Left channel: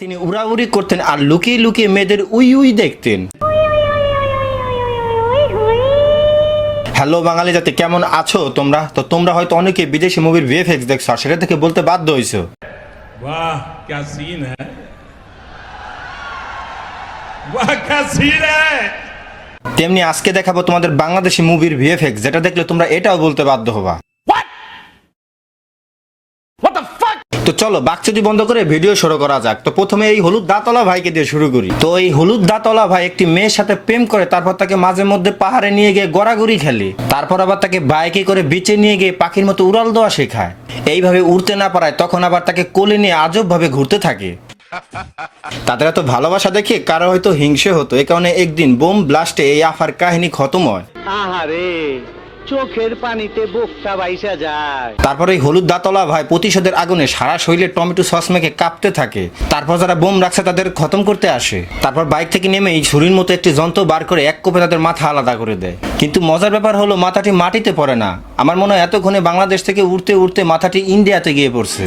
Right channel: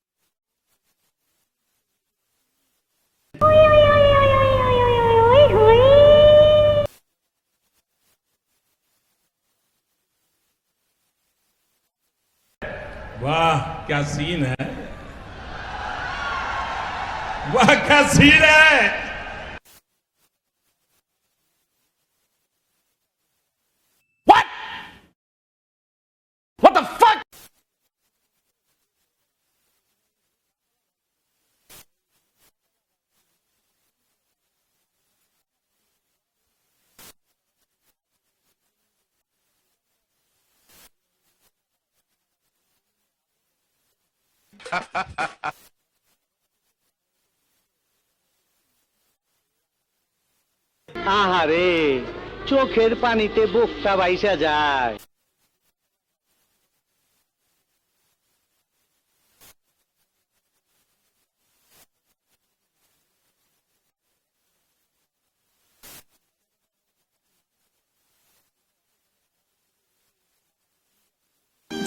তিনি উড়াউড়ি করতেন আর লুকিয়ে লুকিয়ে মেয়েদের উই উই দেখতেন। হ্যালো বাঙালি জাতি, কেমন আছো তোমরা? তো তোমরা হয়তো অনেকে বিদেশি মুভির ভিএফএক্স দেখছো আর সেটা থেকে বলতে বাধ্য হইছো, वाह क्या सीन है, वाह क्या सीन है। তেমনি আজকে দেখাবো তোমাদের বাংলাদেশি মুভির ভিএফএক্স, যেটা দেখলে তোমরা এটাও বলতে বাধ্য হবা। তো চলো বাকচুদি বন্ধ করে ভিডিও শুরু করা যাক। তো প্রথমে এই হলুদ দাঁতওয়ালা ভাইকে দিয়ে শুরু করি। তো এই হলুদ দাঁতওয়ালা ভাই একটি মেয়ের সাথে প্রেম করে, তারপর তাকে মাঝে মধ্যে পাহাড়ে নিয়ে গিয়ে গড়াগড়ি খেলে, তারপর আবার তাকে বাইকে করে বিচে নিয়ে গিয়ে পাখির মতো উড়াল দেওয়া শেখায়। এইভাবে উড়তে না পারায় তখন আবার তাকে কোলে নিয়ে আজব ভাবে ঘুরতে থাকে। তাদের এত ভালোবাসা দেখে কারো হয়তো হিংসে হতো, এই কারণে একদিন বোম ব্লাস্টে এই আফার কাহিনী খতম হয়। আহারে, চোখের পানিতে বুকটা বাইসা যায়। তারপর এই হলুদ দাঁতওয়ালা ভাই প্রতিশোধের আগুনে সারা শরীরে টমেটো সস মেখে কাঁপতে থাকে। তারপর যারা বোম রাখছে তাদের খতম করতে আসে। তারপর বাইক থেকে নেমে এই ছুরির মতো একটি যন্ত্র বার করে এক কোপে তাদের মাথা আলাদা করে দেয়। কিন্তু মজার ব্যাপার হলো মাথাটি মাটিতে পড়ে না। আমার মনে হয় এতক্ষণে বাংলাদেশ থেকে উড়তে উড়তে মাথাটি ইন্ডিয়াতে গিয়ে পড়ছে।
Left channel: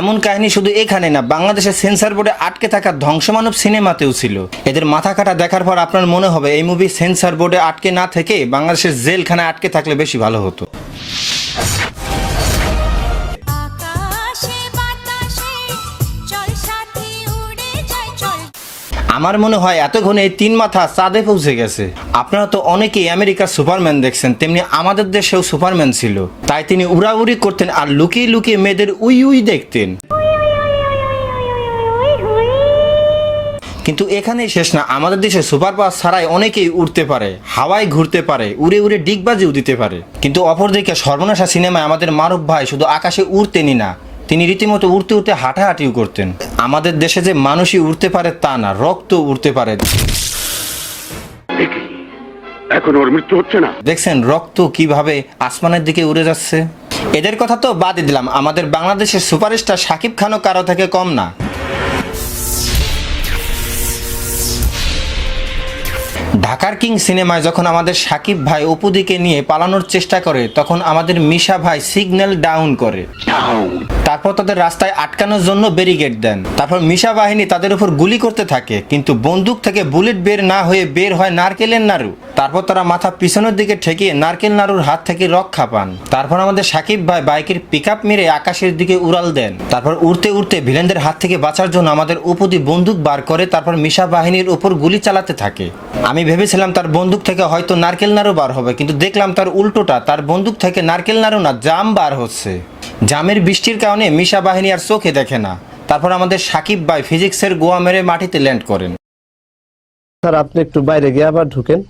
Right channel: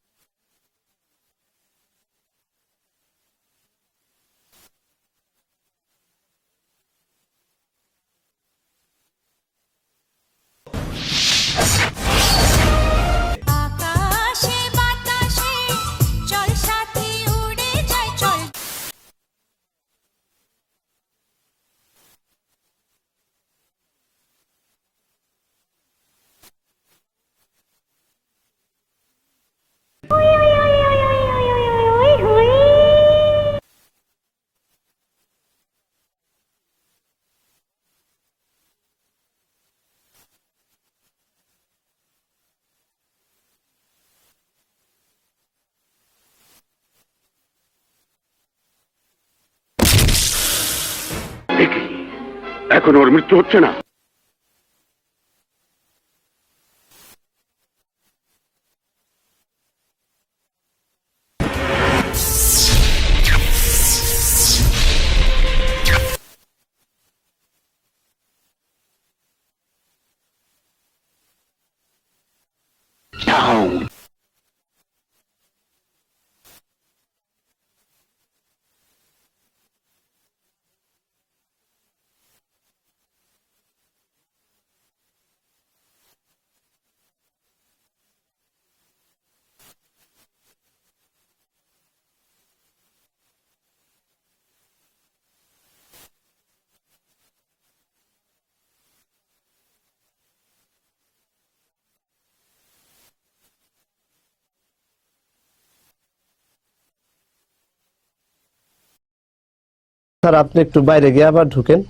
এমন কাহিনী শুধু এখানে না, বাংলাদেশের সেন্সর বোর্ডে আটকে থাকা ধ্বংসমানব সিনেমাতেও ছিল। এদের মাথা কাটা দেখার পর আপনার মনে হবে এই মুভি সেন্সর বোর্ডে আটকে না থেকে বাংলাদেশের জেলখানায় আটকে থাকলে বেশি ভালো হতো। আমার মনে হয় এতক্ষণে এই তিন মাথা চাঁদে পৌঁছে গেছে। আপনারা তো অনেকেই আমেরিকার সুপারম্যান দেখছেন, তেমনি আমাদের দেশেও সুপারম্যান ছিল। তাই তিনি উড়াউড়ি করতেন আর লুকিয়ে লুকিয়ে মেয়েদের উই উই দেখতেন। কিন্তু এখানেই শেষ না, আমাদের দেশে সুপার পাওয়ার ছাড়াই অনেকেই উড়তে পারে, হাওয়ায় ঘুরতে পারে, উড়ে উড়ে ডিগবাজিও দিতে পারে। কিন্তু অপরদিকে সর্বনাশা সিনেমায় আমাদের মারুফ ভাই শুধু আকাশে উড়তেনই না, তিনি রীতিমতো উড়তে উড়তে হাঁটাহাঁটিও করতেন। আমাদের দেশে যে মানুষই উড়তে পারে তা না, রক্ত উড়তে পারে। এখন ওর মৃত্যু হচ্ছে না, দেখছেন রক্ত কিভাবে আসমানের দিকে উড়ে যাচ্ছে। এদের কথা তো বাদই দিলাম, আমাদের বাংলাদেশের সুপারস্টার শাকিব খানও কারো থেকে কম না। ঢাকার কিং সিনেমায় যখন আমাদের শাকিব ভাই অপুদিকে নিয়ে পালানোর চেষ্টা করে, তখন আমাদের মিশা ভাই সিগন্যাল ডাউন করে, তারপর তাদের রাস্তায় আটকানোর জন্য ব্যারিকেড দেন। তারপর মিশা বাহিনী তাদের উপর গুলি করতে থাকে, কিন্তু বন্দুক থেকে বুলেট বের না হয়ে বের হয় নারকেলের নাড়ু। তারপর তারা মাথা পিছনের দিকে ঠেকিয়ে নারকেল নাড়ুর হাত থেকে রক্ষা পান। তারপর আমাদের শাকিব ভাই বাইকের পিকআপ মেরে আকাশের দিকে উড়াল দেন। তারপর উড়তে উড়তে ভিলেনদের হাত থেকে বাঁচার জন্য আমাদের অপুদি বন্দুক বার করে, তারপর মিশা বাহিনীর উপর গুলি চালাতে থাকে। আমি ভেবেছিলাম তার বন্দুক থেকে হয়তো নারকেল নাড়ু বার হবে, কিন্তু দেখলাম তার উল্টোটা, তার বন্দুক থেকে নারকেল নাড়ু না জাম বার হচ্ছে। জামের বৃষ্টির কারণে মিশা বাহিনী আর চোখে দেখে না। তারপর আমাদের শাকিব ভাই ফিজিক্সের গোয়া মেরে মাটিতে ল্যান্ড করেন। স্যার আপনি একটু বাইরে গিয়ে আবার ঢুকেন,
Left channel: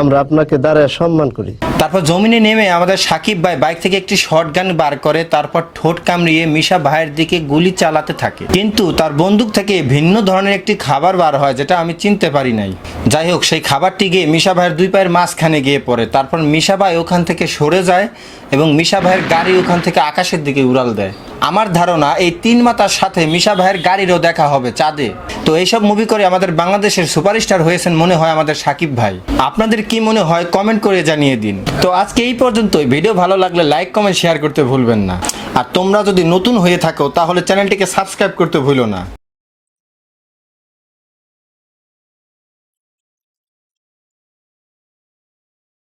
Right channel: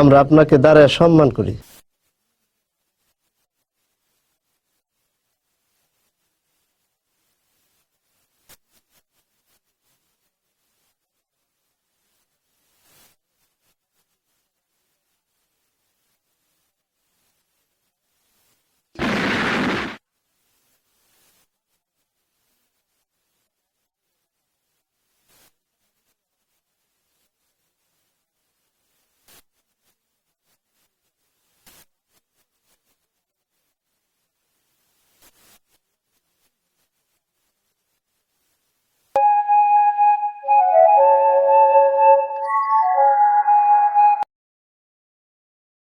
আমরা আপনাকে দাঁড়ায় সম্মান করি। তারপর জমিনে নেমে আমাদের শাকিব ভাই বাইক থেকে একটি শটগান বার করে, তারপর ঠোঁট কামড়িয়ে মিশা ভাইয়ের দিকে গুলি চালাতে থাকে। কিন্তু তার বন্দুক থেকে ভিন্ন ধরনের একটি খাবার বার হয়, যেটা আমি চিনতে পারি নাই। যাই হোক, সেই খাবারটি গিয়ে মিশা ভাইয়ের দুই পায়ের মাঝখানে গিয়ে পড়ে। তারপর মিশা ভাই ওখান থেকে সরে যায় এবং মিশা ভাইয়ের গাড়ি ওখান থেকে আকাশের দিকে উড়াল দেয়। আমার ধারণা এই তিন মাতার সাথে মিশা ভাইয়ের গাড়িরও দেখা হবে চাঁদে। তো এইসব মুভি করে আমাদের বাংলাদেশের সুপারস্টার হয়েছেন মনে হয় আমাদের শাকিব ভাই। আপনাদের কি মনে হয় কমেন্ট করে জানিয়ে দিন। তো আজকে এই পর্যন্তই। ভিডিও ভালো লাগলে লাইক কমেন্ট শেয়ার করতে ভুলবেন না। আর তোমরা যদি নতুন হয়ে থাকো তাহলে চ্যানেলটিকে সাবস্ক্রাইব করতে ভুলো না।